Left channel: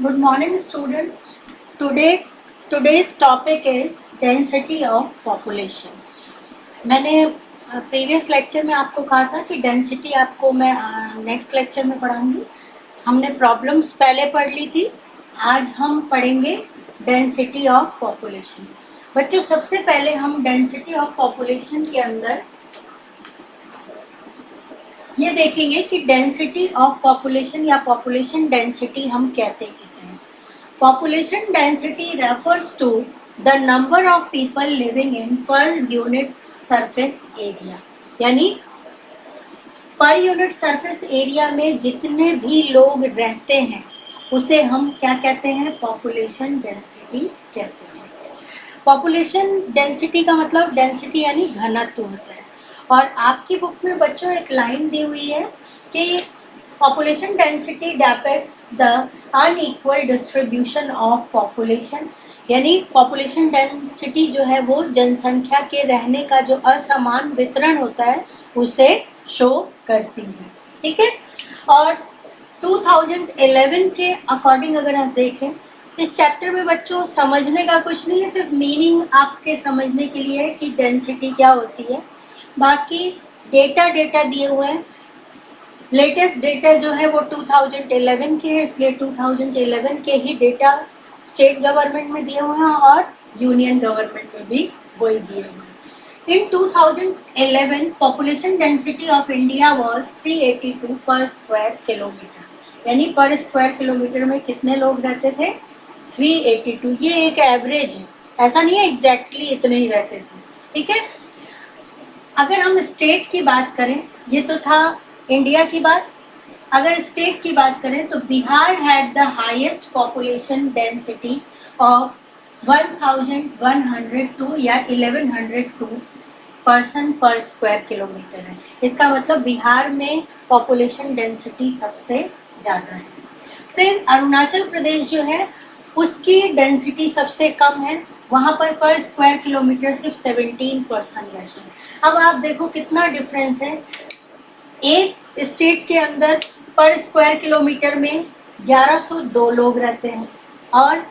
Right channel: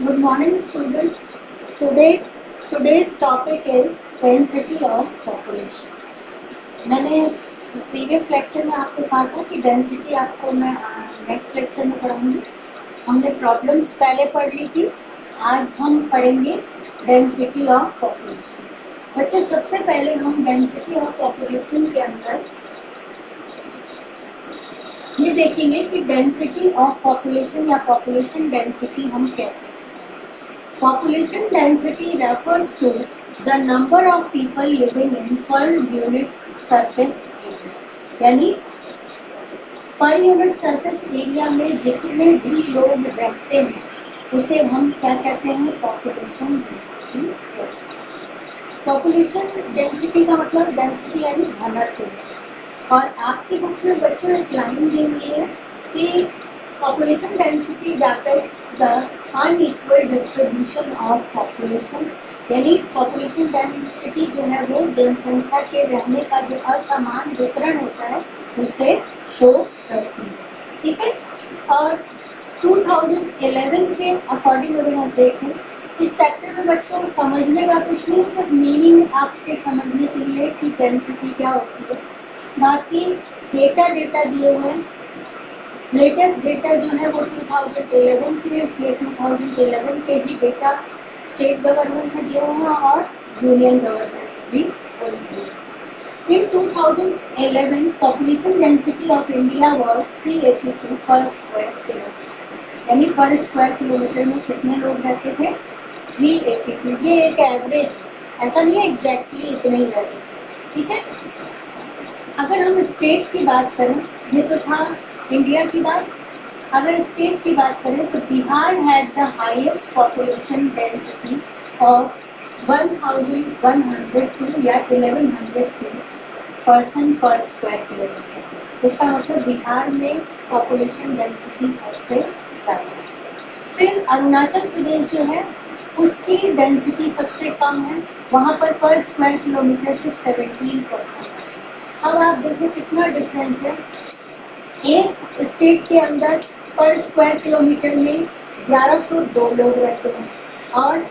Good morning, students. Today's topic is density of population. मैंने previous lecture में आपको कहा था कि डेंसिटी आपको मैं नेक्स्ट लेक्चर में पढ़ाऊंगी. हमने प्रॉब्लम्स पहले पढ़ ली थी. आज हम पढ़ेंगे डेंसिटी ऑफ पॉपुलेशन. बच्चों, सबसे पहले हम डेंसिटी ऑफ पॉपुलेशन के अंदर ये देखेंगे कि डेंसिटी ऑफ पॉपुलेशन या पॉपुलेशन डेंसिटी हम कहते किसे हैं. Population density refers to the number of people living in per unit surface area, यानी पर यूनिट सरफेस एरिया में जितने भी लोग रहते हैं उसे हम क्या कहते हैं? पॉपुलेशन डेंसिटी कहते हैं. पॉपुलेशन डेंसिटी का मतलब डेंसिटी यानी घनत्व होता है. और आपकी बुक में बच्चों एक लाइन दी हुई है कि population density depicts the unequal distribution of population, यानी पॉपुलेशन डेंसिटी जो है वो जनसंख्या के रहने का जो असमान वितरण होता है उसे शो करती है. ठीक है. और 2011 के अकॉर्डिंग अगर आप देखें, इस चैप्टर में बच्चों समझने का कुछ नहीं है, सिर्फ मीनिंग आपके समझने के लिए है कि डेंसिटी क्या होती है. बाकी डेटा दिए हुए हैं. लेटेस्ट डेटा जो है वो 2011 के है, इसलिए 2011 के ही डेटा स्टेट गवर्नमेंट में दिए हुए हैं और यूनियन गवर्नमेंट में भी वही दिए हैं. इन 2011 population density of India was 382 पर स्क्वायर किलोमीटर, यानी पर स्क्वायर किलोमीटर में कितने लोग रहते थे? 382. ये एक एवरेज है, ऐसा नहीं है एग्जैक्टली इतने ही रहते थे. ठीक है. अगर हम स्टेट की बात करें, ये तो था इंडिया की बात. अगर स्टेट की बात करें तो Bihar had the highest population density of 1102 या 1102 पर्सन पर स्क्वायर किलोमीटर है. इसका मतलब बिहार में पॉपुलेशन डेंसिटी सबसे ज़्यादा है. फिर अरुणाचल प्रदेश जो है उसकी डेंसिटी सबसे कम है, वहाँ पर स्क्वायर किलोमीटर सिर्फ 17% रहती है. अब आप देखो कितना डिफरेंस है. एक स्टेट के अंदर पर स्क्वायर किलोमीटर में 1102 लोग रहते हैं और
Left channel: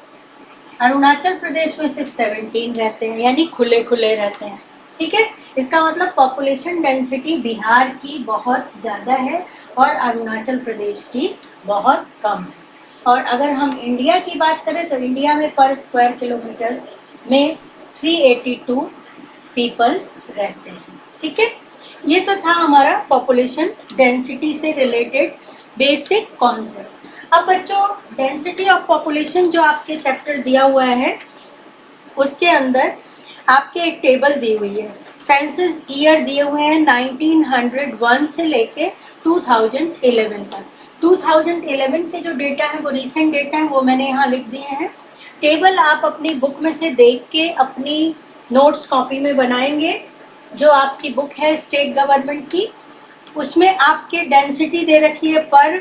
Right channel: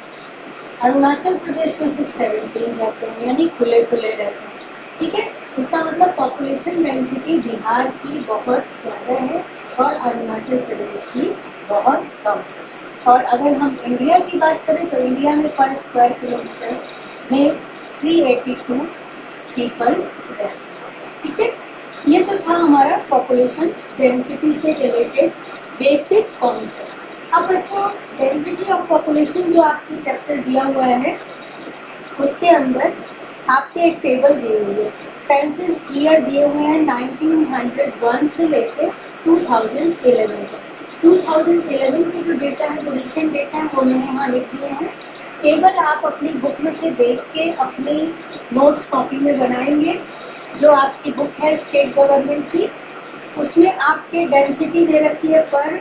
अरुणाचल प्रदेश में सिर्फ 17 रहते हैं, यानी खुले रहते हैं. ठीक है. इसका मतलब पॉपुलेशन डेंसिटी बिहार की बहुत ज़्यादा है और अरुणाचल प्रदेश की बहुत कम है. और अगर हम इंडिया की बात करें तो इंडिया में पर स्क्वायर किलोमीटर में 382 पीपल रहते हैं. ठीक है. ये तो था हमारा पॉपुलेशन डेंसिटी से रिलेटेड बेसिक कॉन्सेप्ट. अब बच्चों, डेंसिटी ऑफ पॉपुलेशन जो आपके चैप्टर दिया हुआ है उसके अंदर आपके एक टेबल दी हुई है. सेंसस ईयर दिए हुए हैं 1901 से लेके 2011 तक. 2011 के जो डेटा है वो रिसेंट डेटा है, वो मैंने यहाँ लिख दिए हैं. टेबल आप अपनी बुक में से देख के अपनी नोट्स कॉपी में बनाएंगे. जो आपकी बुक है स्टेट गवर्नमेंट की, उसमें आपके डेंसिटी दे रखी है पर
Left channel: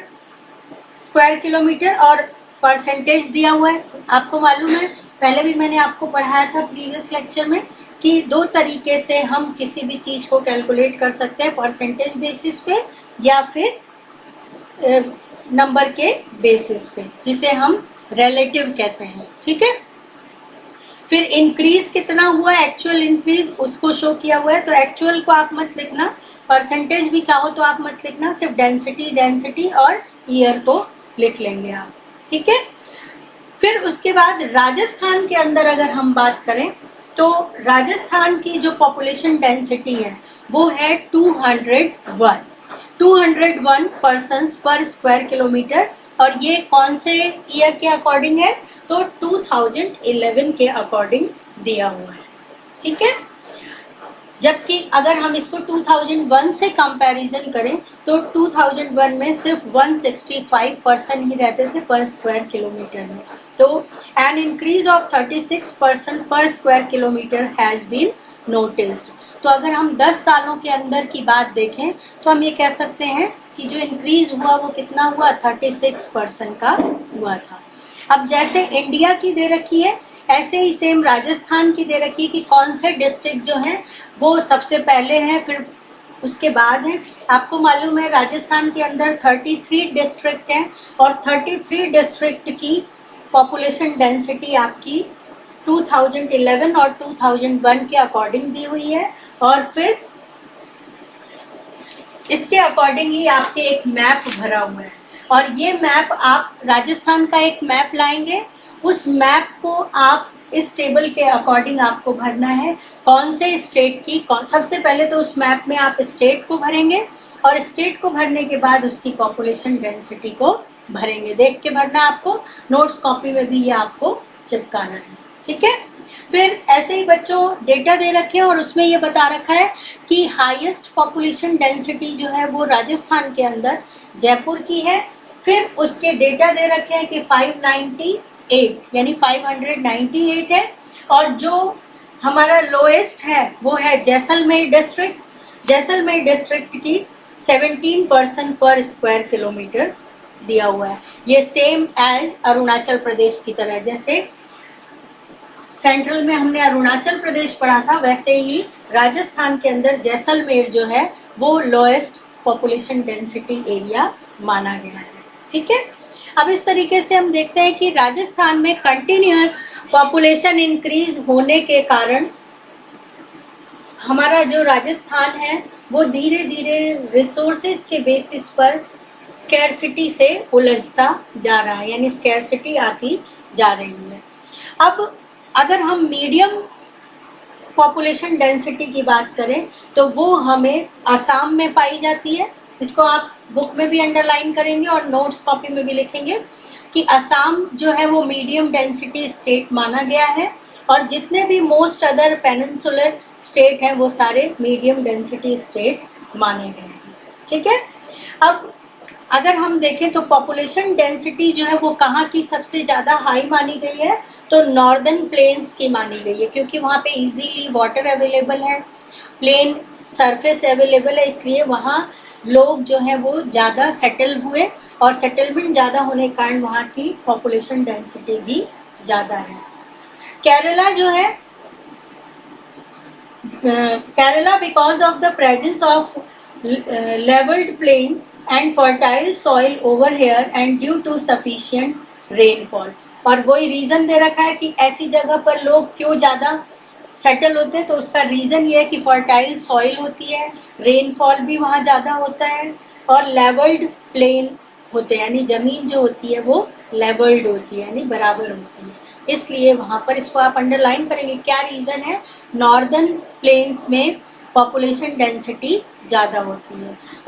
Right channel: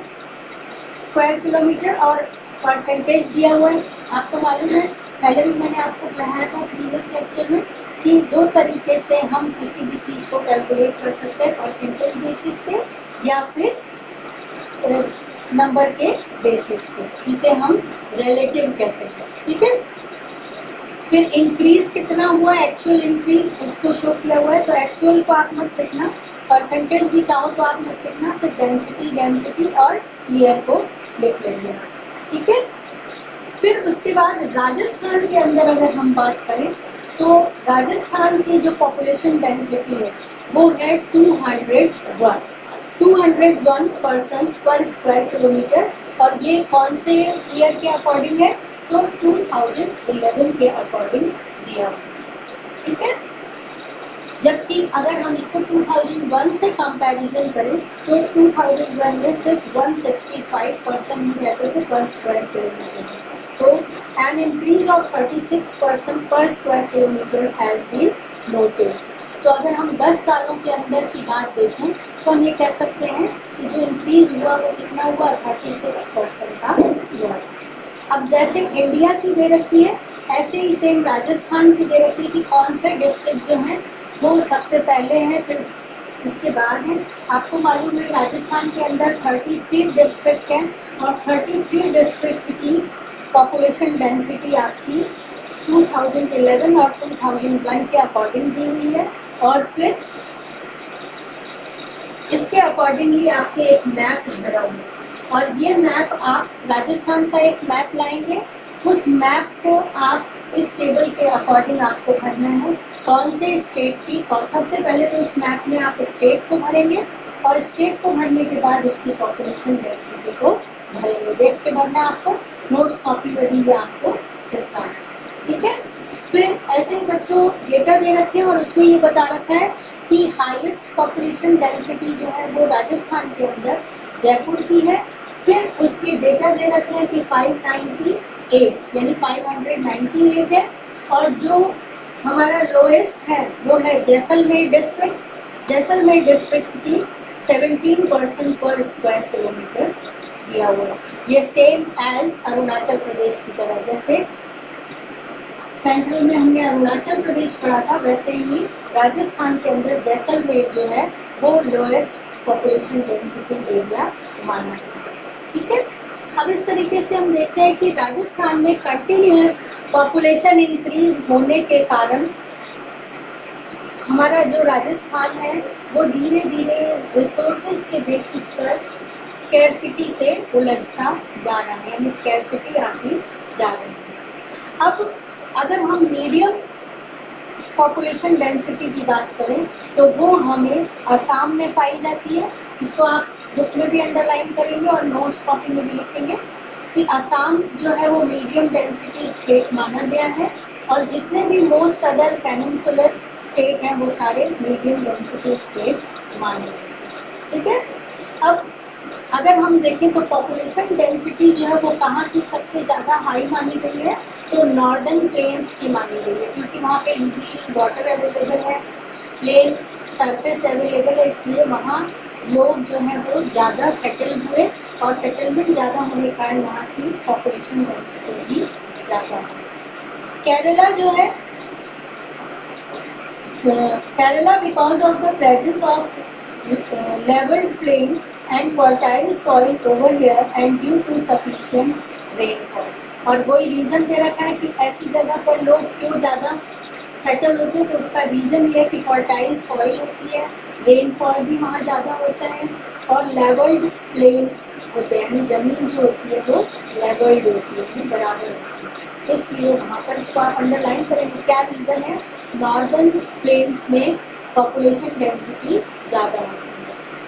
स्क्वायर किलोमीटर और परसेंटेज दिया हुआ है. आपको मालूम है, पहले भी मैंने आपको पढ़ाया था प्रीवियस लेक्चर में कि दो तरीके से हम किसी भी चीज़ को कैलकुलेट कर सकते हैं, परसेंटेज बेसिस पे या फिर नंबर के बेसिस पे, जिसे हम रिलेटिव कहते हैं. ठीक है. फिर इंक्रीज कितना हुआ, एक्चुअल इंक्रीज उसको शो किया हुआ है. तो एक्चुअल को आप मत लिखना, परसेंटेज भी चाहो तो आप मत लिखना, सिर्फ डेंसिटी और ईयर को लिख लेंगे आप. ठीक है. फिर उसके बाद राजस्थान के अंदर अगर हम बात करें तो राजस्थान की जो पॉपुलेशन डेंसिटी है वो है 201 पर्सन्स पर स्क्वायर किलोमीटर. और ये कौन से ईयर के अकॉर्डिंग है? तो 2011 के अकॉर्डिंग दिया हुआ है. ठीक है. जबकि अगर हम इसको 2001 से कंपैरिजन करें तो 2001 में सिर्फ 165 पर्सन ही रहते थे पर स्क्वायर किलोमीटर में. तो an increase of 36% per square kilometre has been noticed. तो अगर हम 10 सालों के अंदर की बात देखें तो हम ये कह सकते हैं कि जो इंक्रीज़ हुआ वो कितना हुआ? 36% का हुआ था. अब जैसे इंडिया की दे रखी है ऐसे ही सेम राजस्थान की दे रखी है कि कौन से डिस्ट्रिक्ट जो हैं वो सबसे पहले हैं, फिर उसके बाद है, आपको मालूम है राजस्थान के अंदर 33 डिस्ट्रिक्ट हैं और 33 डिस्ट्रिक्ट की पॉपुलेशन डेंसिटी आपकी 2011 और 2001 के अकॉर्डिंग दी हुई है। और फिर इसके अकॉर्डिंग ही आपके एक मैप भरा हुआ है और ये मैप आप राजस्थान का एक मैप लाएंगे, उस मैप को आप इस टेबल के अकॉर्डिंग आपको भरना है कौन से स्टेट की सबसे पहले तो उस मैप में आप स्टेट को भरेंगे और स्टेट को भरने के बाद उसकी पॉपुलेशन डेंसिटी को भरेंगे। देख के भरना आपको, नोट्स कॉपी में भी ये आपको चिपकाना है, ठीक है। फिर ऐसे ही बच्चों डेटा दे रखे हैं और उसमें ये बता रखा है कि हाईएस्ट पॉपुलेशन डेंसिटी जो है वो राजस्थान के अंदर जयपुर की है। फिर उसके डेटा दे रखे हैं कि 598 यानी 598 है और जो हमारा लोएस्ट है वो है जैसलमेर डिस्ट्रिक्ट। जैसलमेर डिस्ट्रिक्ट की 17% पर स्क्वायर किलोमीटर दिया हुआ है। ये सेम एज अरुणाचल प्रदेश की तरह, जैसे सेंट्रल में हमने अरुणाचल प्रदेश पढ़ा था वैसे ही राजस्थान के अंदर जैसलमेर जो है वो लोएस्ट पॉपुलेशन डेंसिटी एरिया माना गया है, ठीक है। अब इस तरीके से हम देखते हैं कि राजस्थान में कंटिन्यूअस पॉपुलेशन इंक्रीज होने के कारण हमारा जो राजस्थान है वो धीरे धीरे रिसोर्सेज के बेसिस पर स्कैरसिटी से उलझता जा रहा है, यानी स्कैरसिटी आती जा रही है। अब अगर हम मीडियम पॉपुलेशन डेंसिटी की बात करें तो वो हमें असम में पाई जाती है। इसको आप बुक में भी अंडरलाइन करेंगे और नोट्स कॉपी में भी लिखेंगे कि असम जो है वो मीडियम डेंसिटी स्टेट माना गया है और जितने भी मोस्ट अदर पेनिनसुलर स्टेट हैं वो सारे मीडियम डेंसिटी स्टेट माने गए हैं, ठीक है। अब अगर हम देखें तो पॉपुलेशन डेंसिटी जो है वो कहाँ की सबसे ज़्यादा हाई मानी गई है, तो नॉर्दर्न प्लेन्स की मानी गई है, क्योंकि वहाँ पे इजीली वाटर अवेलेबल है, प्लेन सरफेस अवेलेबल है, इसलिए वहाँ लोग जो हैं वो ज़्यादा सेटल हुए और सेटलमेंट ज़्यादा होने के कारण वहाँ की पॉपुलेशन डेंसिटी भी ज़्यादा है। केरला जो है, Kerala because of the presence of levelled plain and fertile soil over here and due to sufficient rainfall, और वही रीज़न दे रखा है कि ऐसी जगह पर लोग क्यों ज़्यादा सेटल होते हैं, तो उसका रीज़न ये है कि फर्टाइल सॉइल होती है, रेनफॉल भी वहाँ ज़्यादा होता है और लेवल्ड प्लेन होते हैं, यानी ज़मीन जो होती है वो लेवल्ड होती है यानी बराबर होती है, इसलिए वहाँ पर इसको आप अंडरलाइन करेंगे। क्या रीज़न है, नॉर्दर्न प्लेन्स में पॉपुलेशन डेंसिटी ज़्यादा होती है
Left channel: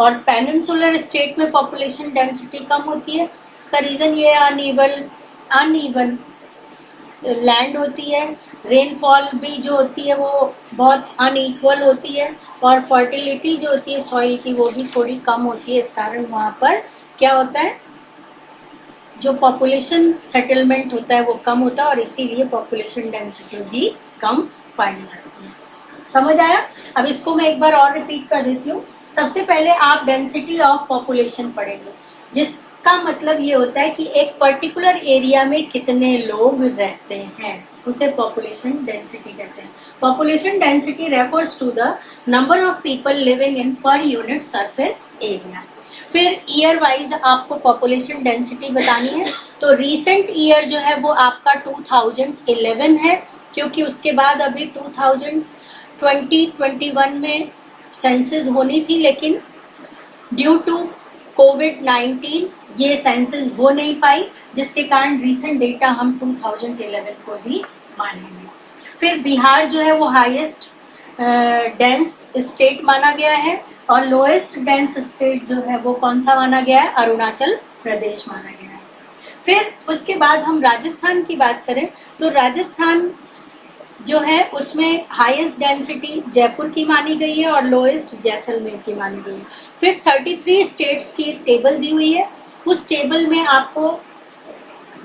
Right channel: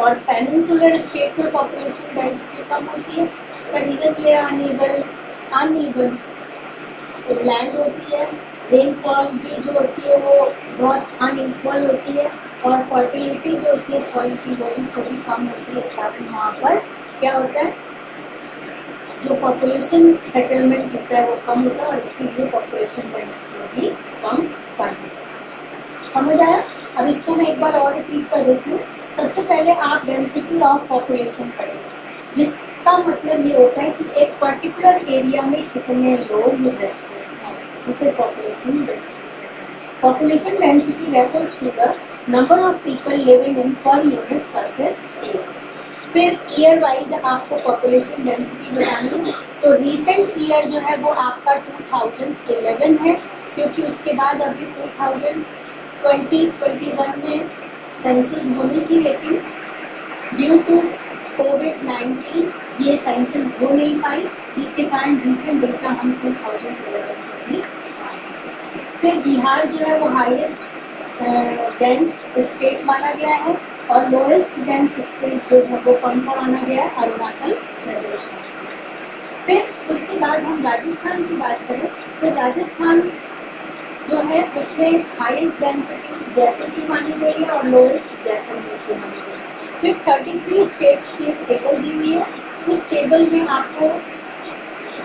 और पेनिनसुलर स्टेट में पॉपुलेशन डेंसिटी कम होती है। उसका रीज़न ये अनइवन लैंड होती है, रेनफॉल भी जो होती है वो बहुत अनइक्वल होती है और फर्टिलिटी जो होती है सॉइल की वो भी थोड़ी कम होती है। इस कारण वहाँ पर क्या होता है, जो पॉपुलेशन सेटलमेंट होता है वो कम होता है और इसीलिए पॉपुलेशन डेंसिटी भी कम पाई जाती है। समझ आया? अब इसको मैं एक बार और रिपीट कर देती हूँ। सबसे पहले आप डेंसिटी ऑफ पॉपुलेशन पढ़ेंगे, जिसका मतलब ये होता है कि एक पर्टिकुलर एरिया में कितने लोग रहते हैं, उसे पॉपुलेशन डेंसिटी कहते हैं। Population density refers to the number of people living in per unit surface area. फिर ईयर वाइज आपको पॉपुलेशन डेंसिटी बतानी है, तो रीसेंट ईयर जो है वो आपका 2011 है, क्योंकि उसके बाद अभी 2020-21 में सेंसस होनी थी, लेकिन ड्यू टू कोविड-19 ये सेंसस हो नहीं पाई, जिसके कारण रीसेंट डेटा हम 2011 को ही मानेंगे। फिर बिहार जो है वो हाईएस्ट डेंस स्टेट माना गया है और लोएस्ट डेंस स्टेट जो है वो कौन सा माना गया है, अरुणाचल प्रदेश माना गया है। फिर उसके बाद हम राजस्थान की बात करें तो राजस्थान जो है उसमें हाईएस्ट डेंसिटी जयपुर की मानी गई है और लोएस्ट जैसलमेर की मानी गई है। फिर 33 स्टेट्स की एक टेबल दी हुई है, उस टेबल में आपको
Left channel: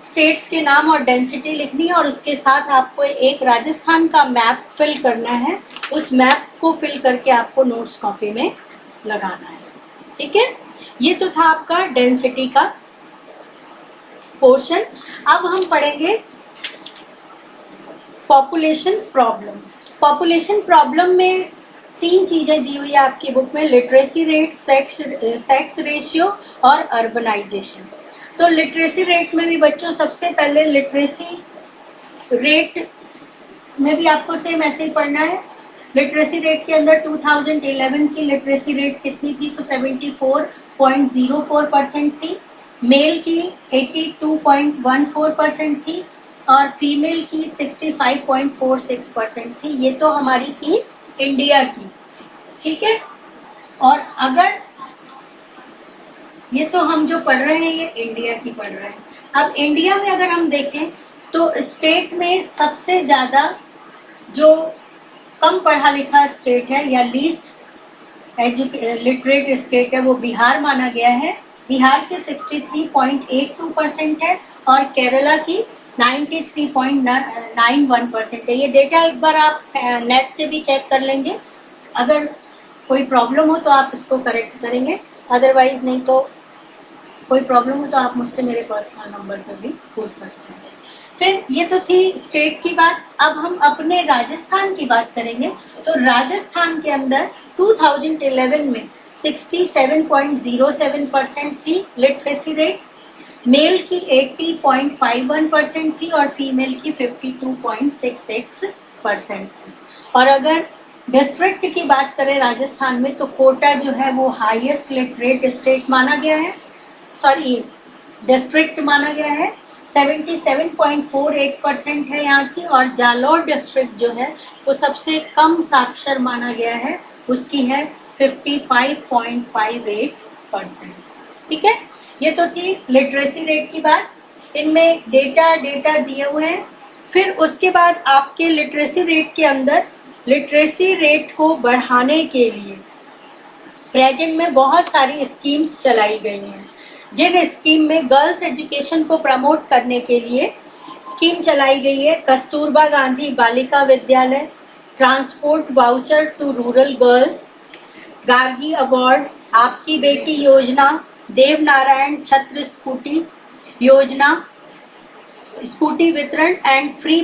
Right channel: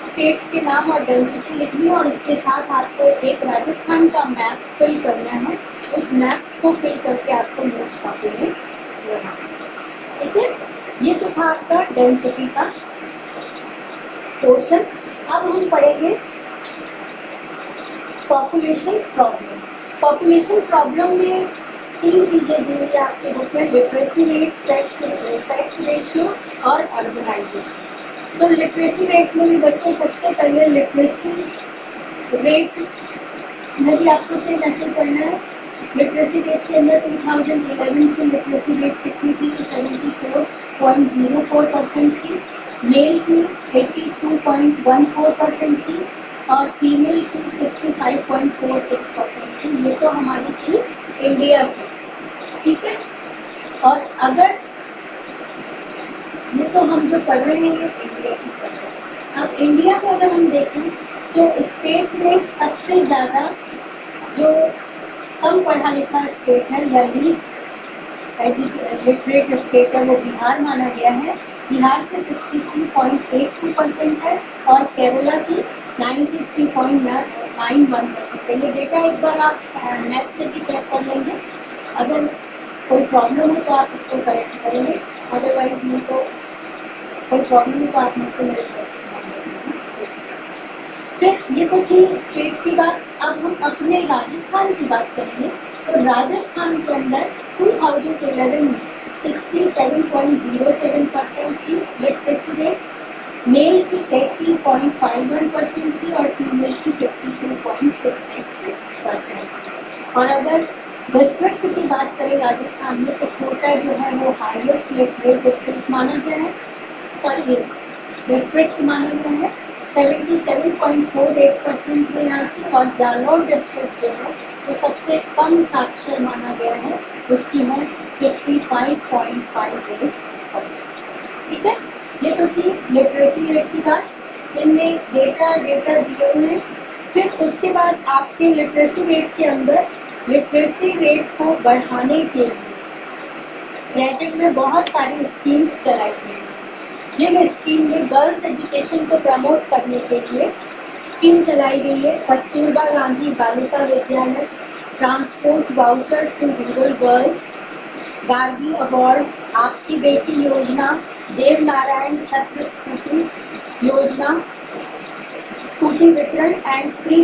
स्टेट्स के नाम और डेंसिटी लिखनी है और उसके साथ आपको एक राजस्थान का मैप फिल करना है। उस मैप को फिल करके आपको नोट्स कॉपी में लगाना है, ठीक है। ये तो था आपका डेंसिटी का पोर्शन। अब हम पढ़ेंगे पॉपुलेशन प्रॉब्लम। पॉपुलेशन प्रॉब्लम में तीन चीज़ें दी हुई है आपकी बुक में, लिटरेसी रेट, सेक्स रेशियो और अर्बनाइजेशन। तो लिटरेसी रेट में भी बच्चों सबसे पहले लिटरेसी रेट में भी आपको सेम ऐसे ही पढ़ना है। लिटरेसी रेट के अंदर 2011 की लिटरेसी रेट कितनी थी, तो 74.04% थी। मेल की 82.14% थी और फीमेल की 65.46% थी। ये तो हमारी थी इंडिया की, ठीक है। और अगर ये तो हम जो पढ़ रहे हैं ये इंडिया की पढ़ रहे हैं। अब इंडिया में अगर हम देखें तो स्टेट में सबसे ज़्यादा जो कम पढ़ा लिखा स्टेट है या लीस्ट लिटरेट स्टेट है वो बिहार माना गया है। बिहार के 63.82% है और केरला की 93.91% है। ये डेटा एक बार आप नेट से भी चेक कर लेंगे, अगर कोई प्रॉब्लम हो तो आप इसको करेक्ट करेंगे, अदरवाइज नहीं तो कोई प्रॉब्लम हो तो आप मुझसे मेरे पर्सनल नंबर पर भी पूछ सकते हैं। फिर ये तो थी स्टेट की बात। अब हम अपने राजस्थान की बात करेंगे। तो राजस्थान के अंदर 2011 में 67.07% थी लिटरेसी रेट, मेल की 80.51% थी और फीमेल की 52.66% थी। और अगर डिस्ट्रिक्ट की बात करें राजस्थान में तो कोटा जो है वो हाईएस्ट लिटरेट स्टेट माना गया है, सॉरी डिस्ट्रिक्ट माना गया है। 77.48% है यहाँ की। और जालौर डिस्ट्रिक्ट जो है वो सबसे कम साक्षर माना गया है, उसकी है 55.58%, ठीक है। ये तो थी लिटरेसी रेट की बात। इनमें डेटा दिए हुए हैं। फिर उसके बाद आपके लिटरेसी रेट के अंदर लिटरेसी रेट को बढ़ाने के लिए प्रेजेंट में बहुत सारी स्कीम्स चलाई गई हैं। जिन स्कीम में गर्ल्स एजुकेशन को प्रमोट करने के लिए स्कीम चलाई गई है, Kasturba Gandhi Balika Vidyalaya, transport voucher to rural girls, Gargi award, आपकी बेटी योजना, देवनारायण छत्र स्कूटी योजना, स्कूटी वितरण and free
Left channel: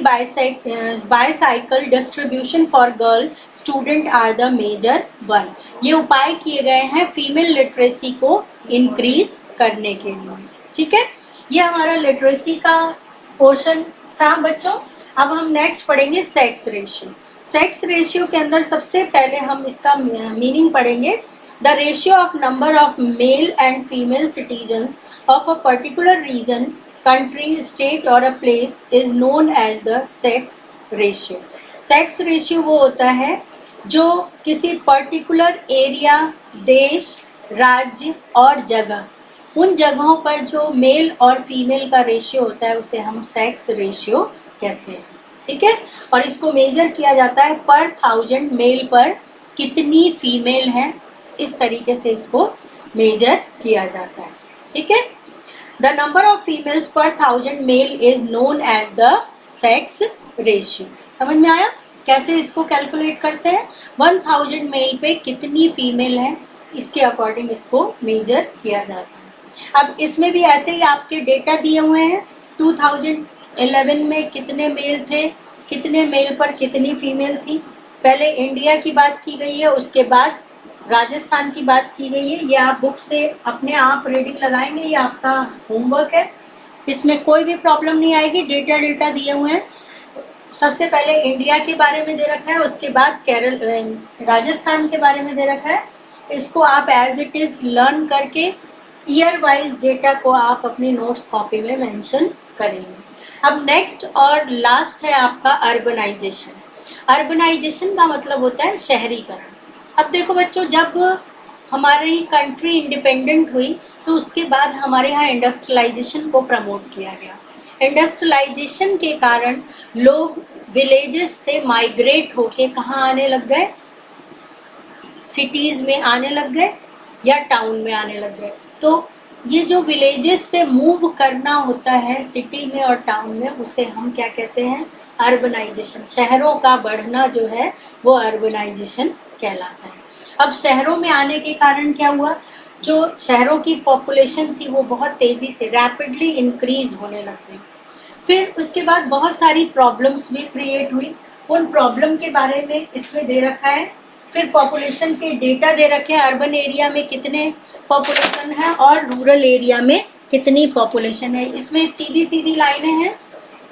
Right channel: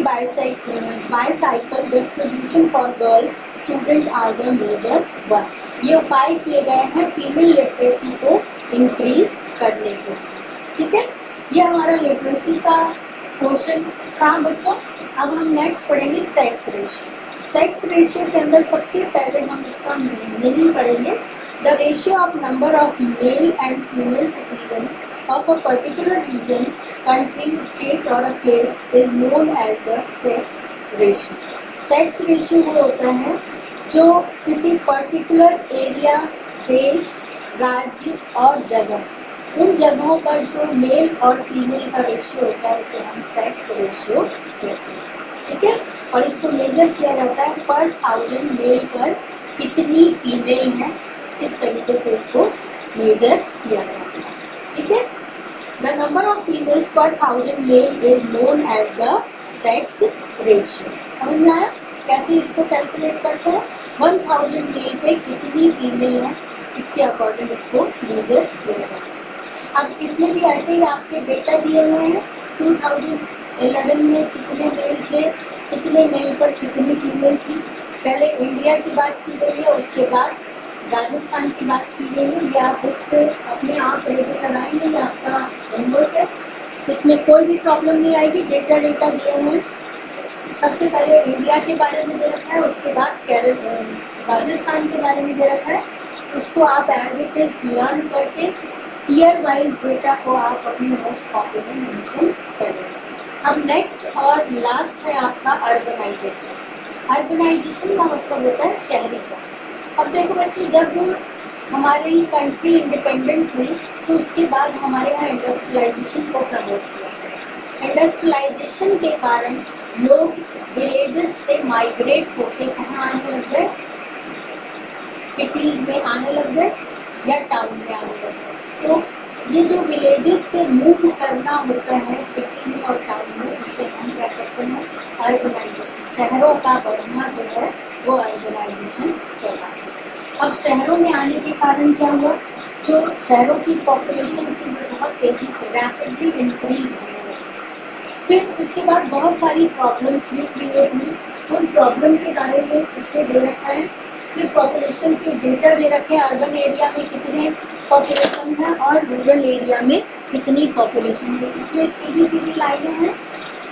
bicycle distribution for girl student are the major one. ये उपाय किए गए हैं फीमेल लिटरेसी को इंक्रीज करने के लिए, ठीक है। ये हमारा लिटरेसी का पोर्शन था बच्चों। अब हम नेक्स्ट पढ़ेंगे सेक्स रेशियो। सेक्स रेशियो के अंदर सबसे पहले हम इसका मीनिंग पढ़ेंगे। The ratio of number of male and female citizens of a particular region, country, state और a place is known as the sex ratio। Sex ratio वो होता है जो किसी पर्टिकुलर एरिया, देश, राज्य और जगह, उन जगहों पर जो मेल और फीमेल का रेशियो होता है उसे हम सेक्स रेशियो कहते हैं, ठीक है। और इसको मेजर किया जाता है पर 1000 मेल पर कितनी फीमेल है, इस तरीके से इसको मेजर किया जाता है, ठीक है। The number of females per 1000 male is known as the sex ratio। समझ में आया कैसे इसको कैलकुलेट करते हैं? 1000 मेल पे कितनी फीमेल है, इसके अकॉर्डिंग इसको मेजर किया जाता है। अब इसमें भी ऐसे ही आपके डेटा दिए हुए हैं। 2011 में कितने मेल थे, कितने मेल पर कितनी फीमेल थी। पहले इंडिया की बात की गई है, उसके बाद राजस्थान की बात की गई है। ये आप बुक से अपने आप रीडिंग लगाएंगे, ये आपका होमवर्क है, इसमें कोई भी प्रॉब्लम नहीं आएगी। डेटा दिए हुए हैं। सबसे पहले इंडिया के बारे में दे रखा है, उसके बाद राजस्थान के बारे में दे रखा है। इसको आप एज इट इज़ लर्न करके ईयर वाइज डेटा को आप अपनी नोट्स कॉपी में मेंशन करेंगे। अब नेक्स्ट और लास्ट है आपका अर्बनाइजेशन। अर्बनाइजेशन का मतलब होता है शहरीकरण। अब देखो बच्चों, जब हमारी कंट्री इंडिपेंडेंट हुई तो उसके बाद हमारे यहाँ इंडस्ट्रियलाइजेशन को प्रमोट किया गया। इंडस्ट्रियलाइजेशन के कारण लोग विलेजेस से माइग्रेट होके कहाँ आने लग गए, सिटीज़ में आने लग गए या टाउन में आने लग गए। तो ये जो विलेजेस से मूव करना होता है सिटी में और टाउन में, उसे हम क्या कहते हैं, अर्बनाइजेशन। शहरों का बढ़ना जो है वो अर्बनाइजेशन कहलाता है। अब शहरों में आने के कारण क्या हुआ, जो शहरों की पॉपुलेशन थी वो बहुत तेज़ी से रैपिडली इंक्रीज़ होने लगी। फिर उसके बाद बहुत सारी प्रॉब्लम्स भी क्रिएट हुई। उन प्रॉब्लम के बारे में इसमें दे रखा है फिर पॉपुलेशन के डेटा दे रखे हैं, अर्बन एरिया में कितने पॉपुलेशन है और रूरल एरिया में कितनी पॉपुलेशन है। इसमें सीधी सीधी लाइनें हैं,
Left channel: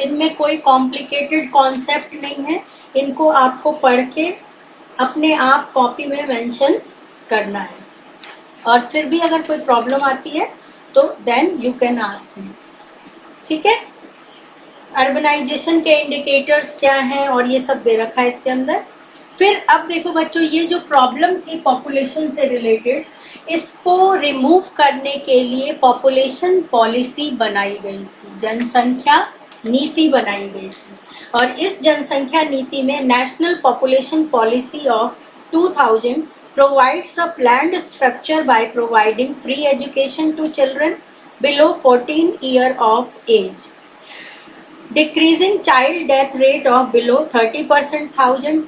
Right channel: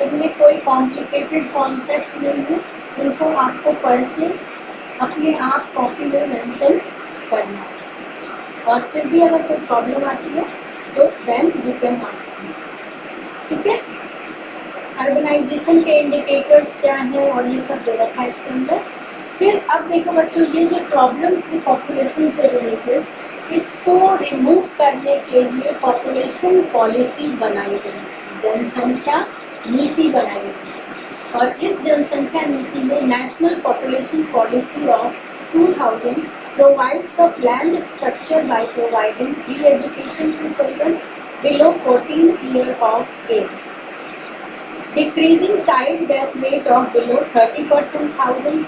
इनमें कोई कॉम्प्लिकेटेड कॉन्सेप्ट नहीं है, इनको आपको पढ़ के अपने आप कॉपी में मेंशन करना है। और फिर भी अगर कोई प्रॉब्लम आती है तो then you can ask me, ठीक है। अर्बनाइजेशन के इंडिकेटर्स क्या हैं और ये सब दे रखा है इसके अंदर। फिर अब देखो बच्चों, ये जो प्रॉब्लम थी पॉपुलेशन से रिलेटेड, इसको रिमूव करने के लिए पॉपुलेशन पॉलिसी बनाई गई थी, जनसंख्या नीति बनाई गई थी। और इस जनसंख्या नीति में national population policy of 2000 provides a planned structure by providing free education to children below 14 years of age, decreasing child death rate of below 30%,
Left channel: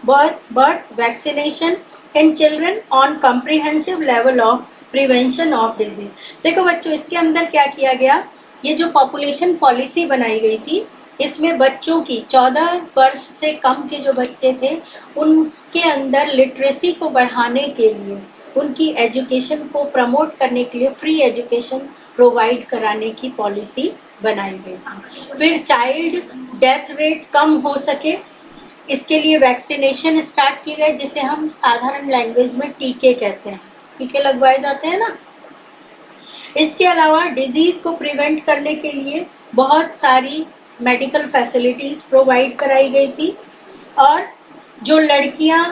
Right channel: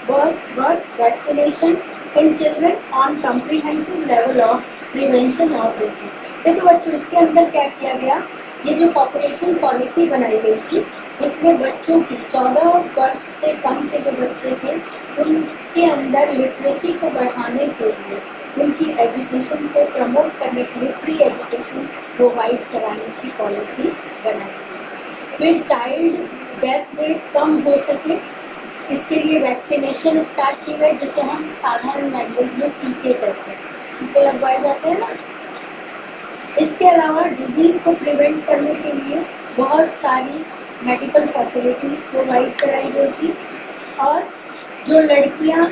birth vaccination in children on comprehensive level of prevention of disease। देखो बच्चों, इसके अंदर क्या किया गया, ये जो population policy बनाई गई थी, इसमें बच्चों की 14 वर्ष से कम के जो बच्चे थे उनके अंदर लिटरेसी को बढ़ाने के लिए, उनकी एजुकेशन को प्रमोट करने के लिए फ्री एजुकेशन प्रोवाइड कराने की पॉलिसी बनाई गई थी। फिर चाइल्ड डेथ रेट कम हो सके, इसके लिए वैक्सीनेशन स्टार्ट किए गए, जिसे हम साधारण लैंग्वेज में टीके कहते हैं, टीके लगवाए जाते हैं ना। इसके अलावा डिजीज़ को प्रिवेंट करने के लिए बहुत सारी मेडिकल फैसिलिटीज़ प्रोवाइड कराई गई थी। और जो लड़कियां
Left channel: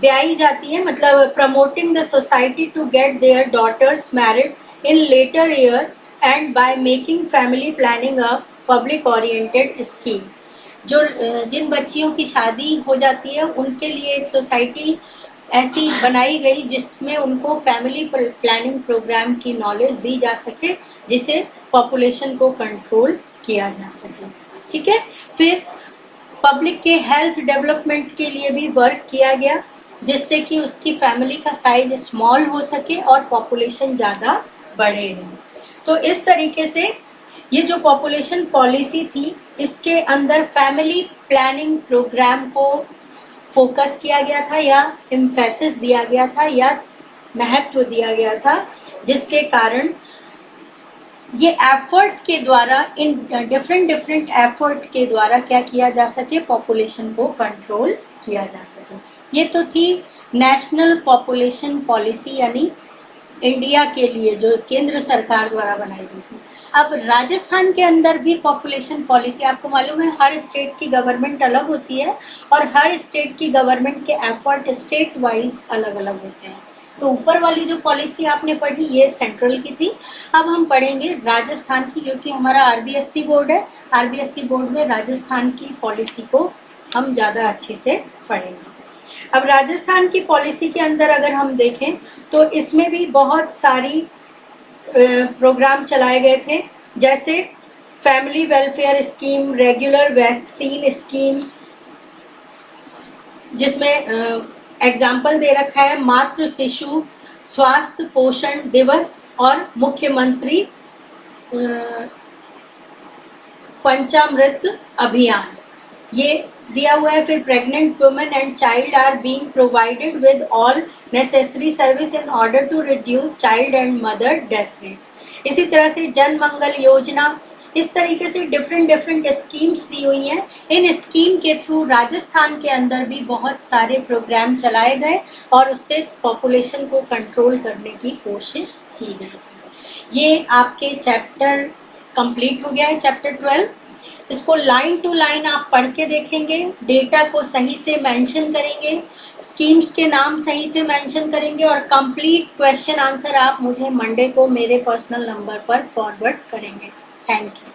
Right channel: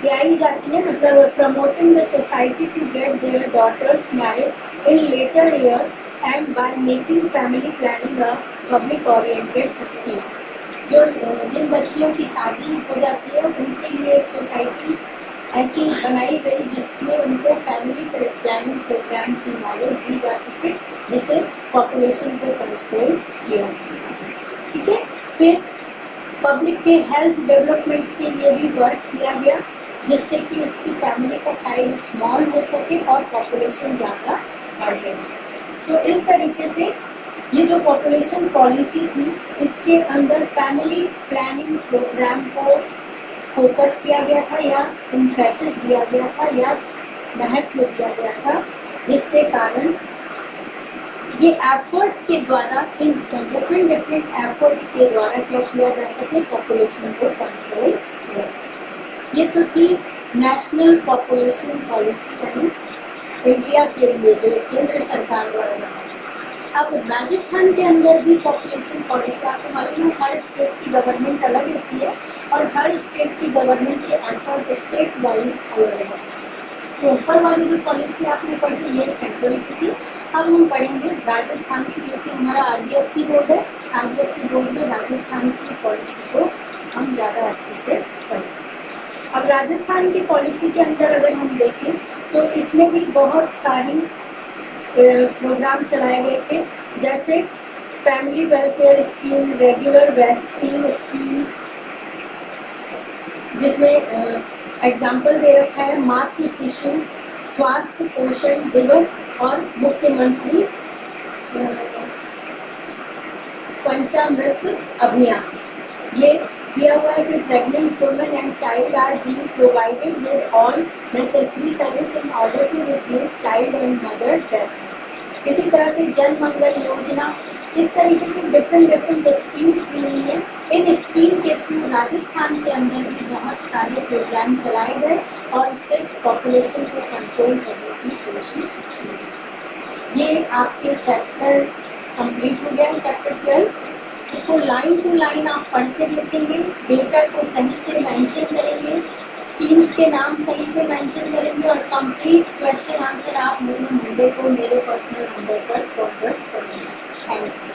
ब्याही जाती हैं, मतलब promoting the society to get their daughters married in later year and by making family planning a public oriented scheme. जो जिन बच्चियों की शादी हो जाती है उनके लिए एक सोसाइटी ऐसी बनाई गई जिसमें उनको फैमिली प्लानिंग प्रोग्राम की नॉलेज दी जा सके, जिसे पॉपुलेशन को कंट्रोल किया जा सके, ठीक है। फिर पब्लिक के हेल्थ डेवलपमेंट के लिए भी वर्क किया गया, जिससे कि उसकी फैमिली का साइज स्मॉल हो सके और पॉपुलेशन ज़्यादा बढ़े नहीं। तो इस तरीके से ये जो पॉपुलेशन पॉलिसी थी, इसके अंदर फैमिली प्लानिंग प्रोग्राम को फोकस किया गया था, या एम्फेसिस दिया गया था, या महत्व दिया गया था, जिसके कारण ये एफर्ट के द्वारा, इन डिफरेंट एफर्ट के द्वारा क्या किया जा सके, पॉपुलेशन को कंट्रोल किया जा सके। ये तो थी नेशनल पॉपुलेशन पॉलिसी, यानी इंडिया के लिए जो केंद्र सरकार द्वारा बनाई गई थी। अब राजस्थान के अंदर भी पॉपुलेशन पॉलिसी, आपको मालूम है हर स्टेट की गवर्नमेंट अलग होती है और हर स्टेट की गवर्नमेंट के एफर्ट स्टेट वाइज अलग अलग होते हैं। तो ऊपर वाली जो पॉलिसी आपने पढ़ी ये सेंट्रल की थी। अब हम पढ़ेंगे राजस्थान की, क्योंकि हमारा आरबीएससी बोर्ड है। आरबीएससी बोर्ड में राजस्थान की पॉलिसी को हम ज़्यादा अच्छी से पढ़ेंगे। अब राजस्थान की पॉलिसी के अंदर अगर हम देखें तो इसमें भी बहुत सारी प्रोग्राम चलाए गए थे, जैसे family welfare scheme, regular vaccine scheme, जिसमें एग्जाम्पल दे रखा है मातृ शिशु स्वास्थ्य पोषण दिवस और मुख्यमंत्री पंचामृत अभियान, ये दिया हुआ है। फिर pregnant women and child are being provided with all necessary service in order to reduce child and mother death rate. इसी तरह से जन मंगल योजना, इस तरीके से डिफरेंट स्कीम्स दी हुई हैं। इन स्कीम के थ्रू राजस्थान के अंदर भी बहुत सारे प्रोग्राम चलाए गए और उससे पॉपुलेशन को कंट्रोल करने की कोशिश की गई थी। ये आपके चैप्टर कंप्लीट हो गया है, चैप्टर 12। इसको लाइन टू लाइन आप पढ़ के देखेंगे, डेटा को सही से मेंशन करेंगे, स्कीम्स के नाम सही से मेंशन करेंगे और कंप्लीट क्वेश्चन आंसर आप मुझे मंडे को मेरे पर्सनल नंबर पर फॉरवर्ड करेंगे। Thank you.